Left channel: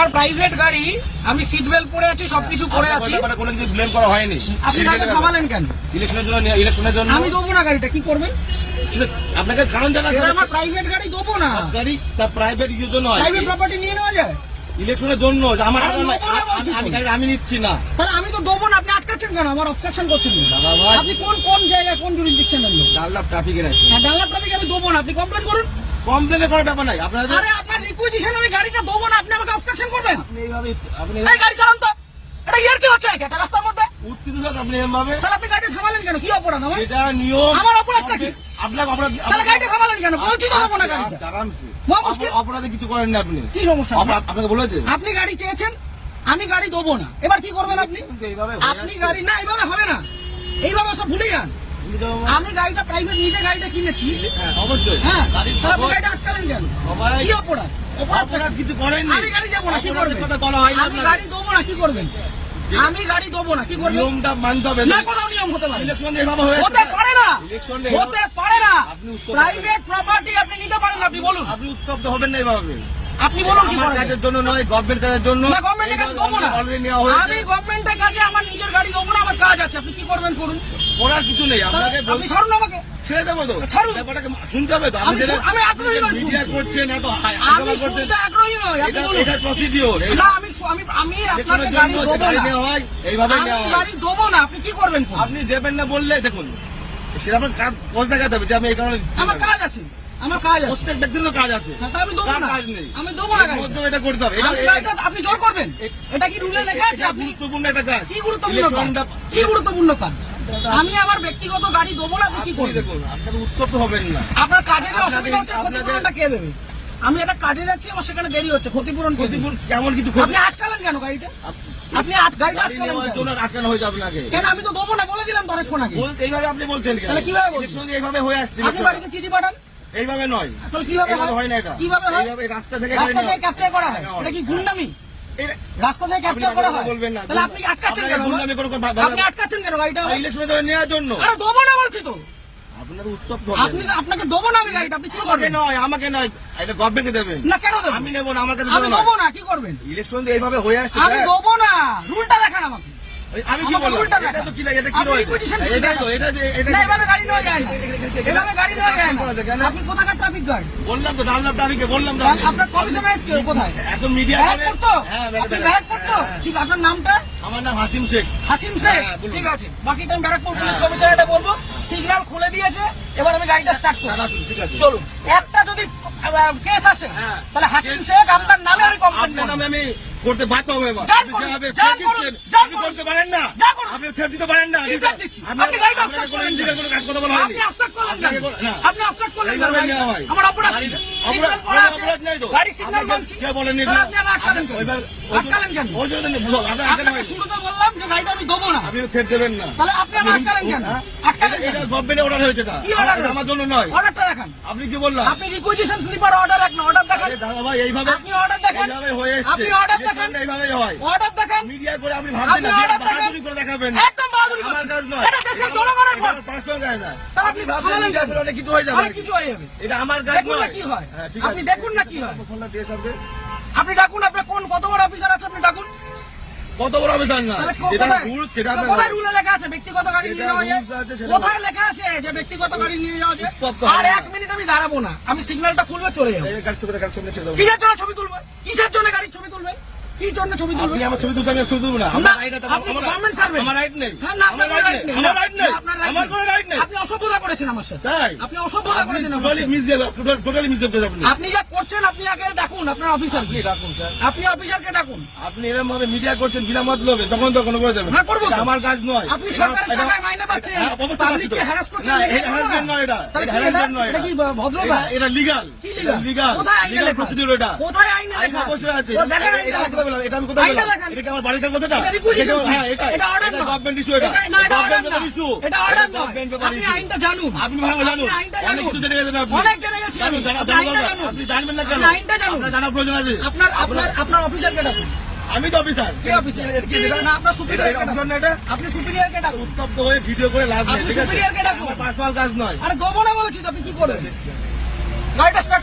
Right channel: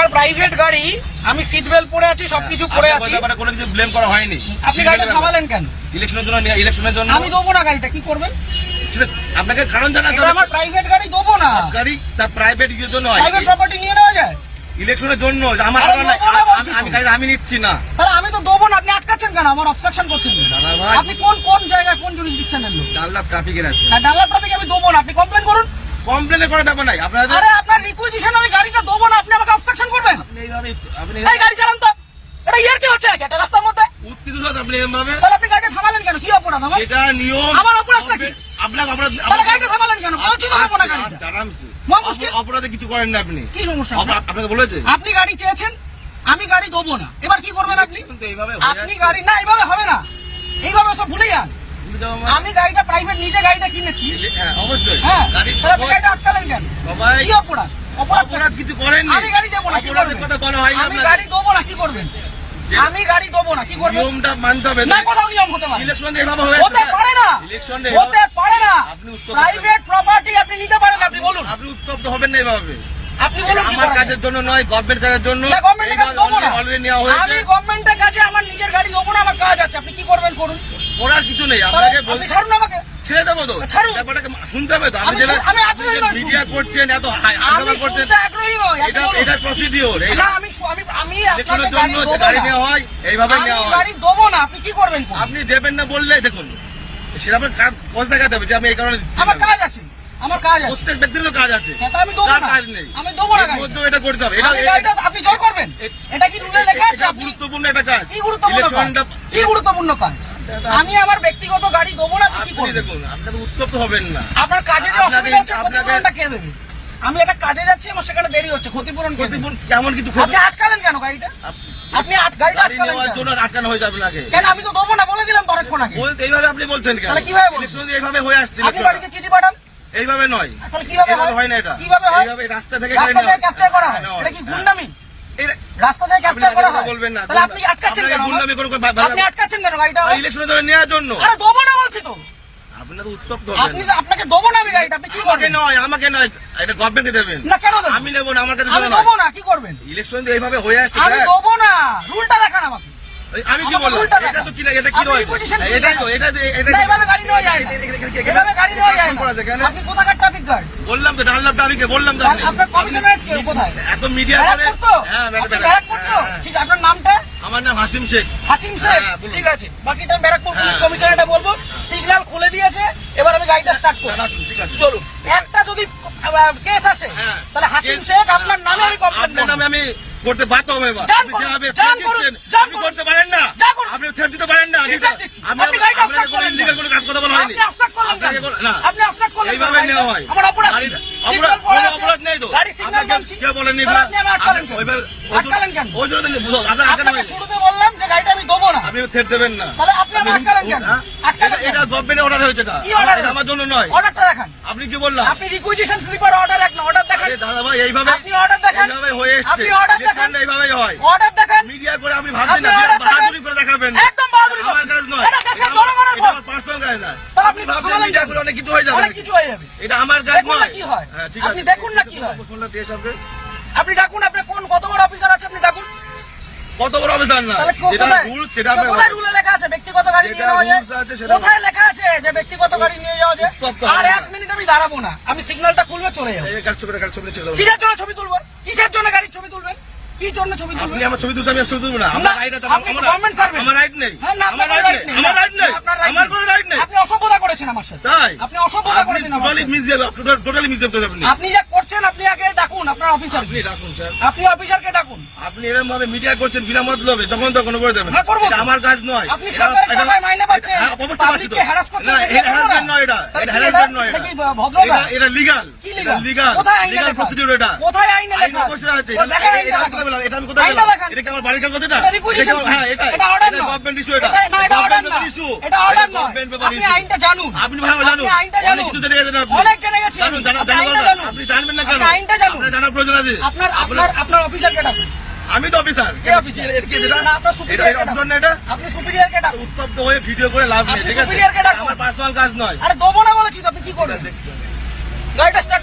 আমার প্রাইভেট গাড়ি, আমি সিট বেল্ট পরে আছি, সবকিছু পরে আছি, কোনো কিছু ব্লেম করা হয়নি। আপনি গাড়িটা থামালেন কেন? ইলেকশনের জন্য আমি দেবো না গাড়িটা, কি করবেন? আপনাকে কারণ জানা, আমার প্রাইভেট গাড়ি দেবো না। গাড়ি তার প্রাইভেট ইউজের জন্য হয়, প্রাইভেট প্রপার্টি নিয়ে নেওয়া যায় ইলেকশনের জন্য। আমার আমি নিচ্ছি না, তাহলে আমি তো দেবো না। আপনি আটকাচ্ছেন কেন? আমার অবস্ট্রাকশন করছেন। দাদা ভাই, আপনি কোন জায়গায়, কোন জুরিসডিকশনের লোক? ডানলাপ ট্রাফিকের আছে। ডানলাপ ট্রাফিক আমি দেবো না, আপনি কমপ্লেন করুন। কমপ্লেন করার ব্যাপার নাই আপনার। আরে আপনার রিকুইজিশন আমি গাড়িটা দেবো না, আপনি আমাকে অবস্ট্রাকশন করবেন? আপনি গাড়ি চালান তো, এটা ইয়ার কি হচ্ছে নাকি একটা রাস্তার মধ্যে? উত্তেজিত আপনি এভাবে, তাহলে আপনি গাড়িটা থামালেন কেন? কি অপরাধ আমার? এটা নিয়ম। আমার অপরাধটা কি? আপনার অপরাধ। তাহলে গাড়িটা থামালেন কেন? বলছি তো দেবো না গাড়িটা। আরামসে, মহামুশকিল। অপরাধে কিছু করেন না আপনি। কি সমস্যা? আপনাকে বলেছে আপনি গাড়ি চেয়েছেন, আমি গাড়ি দেবো না, এবার কি করবেন আপনি? এইভাবে আপনি গাড়ি না, এইভাবে হবে না, এইভাবে সব ভুলে যান। আমি গাড়িটা প্রাইভেট, নিজে গাড়িটা কিনেছি। হ্যাঁ অবশ্যই। হ্যাঁ, গাড়ি তাহলে আপনি গাড়িটা আটকালেন কেন? সবাই কি অপরাধ? অপরাধ কিছু করেন। আমি গাড়ি দেবো না, কি করবেন? কথা বলা হয় না। আমি গাড়ি দেবো না, কি করবেন? আমি গাড়ি দেবো না, কি করবেন? নিয়মটা মানতে হবে। না, কোথাও নিয়ম হতে পারে? ইলেকশন এইভাবে হয়ে হতে পারে না, ইলেকশন হতে পারে না। আপনি উত্তপ্ত প্রাইভেট প্রপার্টি আপনি নিতে পারেন, আপনি বলুন। আপনি উত্তপ্ত হবেন না এইভাবে। আপনি বলুন কি আমার করা কাজের যায়? জন্য নয়, গভর্নমেন্ট কাজের জন্য। না, গভর্নমেন্টের কাছে দেবো না। অলরেডি নেওয়া হয়েছে। আমি গভর্নমেন্টের কাছে আমার নিজের গাড়ি দেবো না, আমার কাজ আছে, আপনি কি করবেন করুন। করার কিছু নেই, আপনাকে আপনি ছাড়ুন আমাকে। ছেড়ে দেবো তো। ছাড়ুন। ব্যাপারটাকে শুনতে হবে তো। আমি আগ্রহী নই মিডিয়া শুনতে। করছেন, এত আমি আন্দোলন করছেন, শুনতে আগ্রহী নই, আপনি বলুন। এটা প্রসিডিওর। না, আমি আপনাকে ইলেকশনের গাড়ি জন্য দেবো গাড়ি না। নেওয়া হয়, এইভাবে আমি নেওয়া হয়। গাড়ি দেবো না, আপনি কি করবেন করুন। আপনি দেবেন না বললে দেখুন, সেটা আপনার কাজ দেখাতে হবে যে আমি এই কারণে দিচ্ছি আমার না। কাজ আছে, আমার কাজ আছে। প্রত্যেক ব্যক্তির তো কাজ আছে, তা আমি দেবো কার না, কাজ নেই। আমি দেবো না এর গাড়ি। মধ্যেও এটা করতে হবে। আমি গাড়িটা আপনি জোর করবেন, এটা কি রুলে লেখা আছে? এটা আপনি গুরুত্বপূর্ণ একটা কাজ। কি গুরুত্বপূর্ণ কাজ? ইলেকশনটা কি গুরুত্বপূর্ণ কাজ? আমি আমার ব্যক্তিগত গাড়ি দেবো না, আপনি কি আপনি করবেন? দেখুন, আপনাকে উত্তপ্ত হবেন না। আপনার কাজে যে আপনাকে- অসুবিধা হচ্ছে, আপনাকে- ক্ষতিপূরণটা কে দেবে? আমি একটা কাজে যাচ্ছি, আমার সেখানে দেরি হচ্ছে, ক্ষতিপূরণ কে দেবে? কেমন কিছু আপনি আটকালেন কেন গাড়িটা? আপনি গাড়িটা গাড়ি আটকালেন নেওয়ার কেন? জন্য আটকানো হয়ে যাবে নাকি? কেন? আমি তো দেবো না বলে দিলাম তো অনেকক্ষণ আগে। এইভাবে আপনি বলছেন কেন? তাহলে কিভাবে বলছেন? ইলেকশন এইভাবে হয়ে আসছে। আপনি ইলেকশন বাড়িতে চিঠি পাঠান, এইভাবে নয়, তাহলে কিভাবে এইভাবে হয়? হয় না এটা। কিভাবে হয়? এইভাবে রাস্তা থেকে রাস্তা থেকে ক্যাপচার করা হয়, নেওয়া এটা কি হয়। গুন্ডামি? এটা- রাস্তা থেকে আপনি ক্যাপচার করা হয়, বলবেন না। তাহলে আপনি আটকাচ্ছেন আপনাকে কেন? গুন্ডামি করে আপনি আটকাচ্ছেন কেন গাড়িটা? ইলেকশনের জন্য নেওয়ার জন্য। আরে দেবো না বলছি তো। আপনার উত্তপ্ত আপনি আপনাকে দেবো না আমি গাড়িটা, আপনি কি আমাকে করবেন? নয়, আমাকে নয়, এটা গভর্নমেন্টকে দেবেন। না, কেন দেবো? আমি নেবো না, আমার কাছে আমি দেবো না। দেবো না, কি করবেন? ইলেকশন এইভাবে হয়ে আসছে আমি স্যার। দেবো না, রুলটা দেখান আমাকে। আমি কি আমাকে বললাম? উল্টা এটা দেখান। তো কি এটা কি আপনি রয়েছে? requisition এটাই তো, দেখান। এটা না, এভাবে গাড়ি নেওয়া যায় না। এভাবে গাড়ি নেওয়া যায় না। করা আছে কেন? আপনি কোথাকার ট্রাফিক গার্ড? বললাম তো, ডানলাপ ট্রাফিকে বললাম তো। আপনার কমিশনারেট কে কোথায়? একদম মিডিয়া করে। ব্যারাকপুর তো? হ্যাঁ, আপনি ব্যারাকপুর তো? ঠিক, আপনার নামটা? আমার নাম হাসিম শেখ। হাসিম শেখ। হ্যাঁ, বলুন। ঠিক আছে, বাকিটা আমি ব্যারাকপুর পুলিশ হ্যাঁ। কমিশনারেটে বলবো। সিগন্যাল খুলে দিয়েছে, এবার আমি গাড়িটা স্টার্ট করব। ঠিক আছে, চলুন। একটা যদি কেস আসে, হ্যাঁ। তাহলে হাসিম শেখ আপনার নামে আমি কমপ্লেন আপনার করব। নামে আমি করতে বাধ্য হবে এবার। যান আপনি করুন, যেভাবে যান থ্রেট করুন, দিচ্ছেন, যান আপনি করুন। করতে পারেন না। যান করুন। আপনি থ্রেট দিতে পারেন না। কি থ্রেট দিচ্ছি? আমি আপনি গাড়িটা আপনাকে obstruct কোনো করলেন ইলিগাল না। কোনো কাজ কথা বলা হয়নি। আপনি obstruct করলেন আপনাকে না। কোনো- না। আপনি obstruct করলেন না এইভাবে গাড়িটা। নেওয়া হয়। আমার অপরাধ কি? অপরাধ সিগন্যাল পড়া কোনো আছে। অপরাধ নেই তো। গাড়ি সিগন্যাল আপনাকে মানছি। কে বলেনি? তাহলে আপনি আমার আটকালেন কেন? ওইভাবে- আটকালেন কেন? ওই জন্য তো বুঝো, আপনার আটকানো আপনাকে হয়নি। শুরুতে বললাম যে গাড়িটা আমি দেবো না। আপনি থ্রেট দেবেন না। তাহলে আপনি আমার আটকালেন কেন? হ্যাঁ? আটকালেন কেন? এটা গভর্নমেন্টের অর্ডার হয়েছে এটা। কি order? এটা আমার জন্য নয়। অর্ডারটা দেখান। আপনি কি বললাম? আপনি রিকুইজিশন স্লিপার অর্ডার এক না, অর্ডার দেখান। আরে দাদা ভাই, এইভাবে আপনি অর্ডার দেখান। এইভাবে হয়ে এসছে। আপনি order দেখান। ইলেকশনটা এইভাবেই হয়। অর্ডার দেখান। মিডিয়া করে আপনি ভাবছেন না, আপনি order দেখান। বাহাদুরি করে দেখাবেন। একদম বাহাদুরি আমার করছেন। কাজ নয়। এটা দেশের জনগণের ভোট। পার্সোনাল কাজ না। তাহলে আপনি আপনি ভাবছেন থামালেন মিডিয়া কেন? করে অনেক কিছু হয়ে যাবে। অনেক কিছু হয়ে যাবে। এটা আমার কাজ দেখুন না নয়। কি হয়। হ্যাঁ, ঠিক আপনি আছে। দেখুন না কি হয়। ফোনটা দিয়ে সবকে। আপনি ডাকুন, আপনার কত বড় অফিসার আছে আপনি ডাকুন। কত বড় অফিসার না, তাহলে যেটা কোথায় রুল সেটা তো কোথায় রুলে লেখা আছে ব্যক্তিগত গাড়ি নিয়ে যেটা যাওয়া যায়? rules আছে সেটা কোথায় লেখা আছে যে ব্যক্তিগত গাড়ি নিয়ে যাওয়া যায়? উত্তপ্ত আর হবে এক না। মিনিট আমি দাঁড়াবো না, আমি সিগন্যালটা খুলবে চলে যাবো। ছবি ছেড়ে দেবো। কিসের জন্য ছবি তুলবেন? কিসের জন্য গাড়ির ছবি তুলবেন? কি জন্য ছবি আপনি তুলবেন? আমার ছবি তুলছেন, আমি ছবি তুলবো না। আমার রাইট আছে, আপনি গভর্নমেন্ট সার্ভেন্ট। আমার রাইট নেই। হ্যাঁ, না, আমার আপনার রাইট নেই। আমার রাইট নেই। আপনার right আমার নেই। কোনো রাইট নেই। আপনি অসভ্যতা করেছেন আমার সাথে। তাই আপনি অসভ্যতা করেছেন আমার টোটালি সাথে। মিসবিহেভ, টোটালি মিসবিহেভ করেন আপনি। আপনি যা করছেন, আপনি আগে ডাকুন আপনার অফিসার। আপনি রাখুন স্যার। আপনি অফিসারকে ডাকুন। আপনি এরকম ভাবে মিডিয়া করছেন বিনা মতলবে, তখন করে দেবেন। হ্যাঁ, করবো তো। এটা আমার কাজ নয়। আপনি সরকারের টাকায় মাইনে পাচ্ছেন, হ্যাঁ, অবশ্যই পাচ্ছি তো। পাবলিককে হ্যারাস করছেন, না, এটা এটা harassment নয় এটা। তাহলে এটা কি harassment নয় এটা এটা। কি ভদ্রতা? এটা লিগাল। কি legal? লিগাল। কোথায় আইনে লিগাল লেখা? প্রসিডিউর এটা। কোথায় আইনে আইন লেখা? অবশ্যই আছে। ও, দেখান আইনটা এটা আমি দেখান। কোথায় পেলাম? এটা আমি কোথায় আইনটা পেলাম? দেখান। এটা কি আমার বাড়ির কাগজ এটা? এটা requisition হ্যাঁ, এটা এটা order না। গভর্নমেন্ট ইস্যু এটা। এটা না, এটা order না। Government issue. এটা order নয়। গভর্নমেন্ট পেপার আপনি ইস্যু। আইনটা জানুন। আপনি ভালো জানুন। আপনি আইনটা অনেক জানুন। কিছু জেনে গেছেন আপনি। অনেক জেনে গেছি আমি। জানুন, জানা আপনি আইনটা দরকার। জানুন। আপনি জানবেন না কেন? আপনি আইনটা জানুন। আপনার জানার প্রয়োজন আছে। আপনার অফিসারকে ডাকুন। আমি তো অফিসার। কে অফিসার? এটা আপনার superior কে অফিসার না এটা? আপনি সুপিরিয়রকে ডাকুন। উত্তপ্ত হয়ে ভিডিও করে লাভ নেই, আপনি ঠিক আছে? superior কে ডাকুন। আমার পার্সোনাল কাজ নয়। আরে দেবো না বলেছি তো, আপনি কি করবেন? গাড়িটা স্টার্ট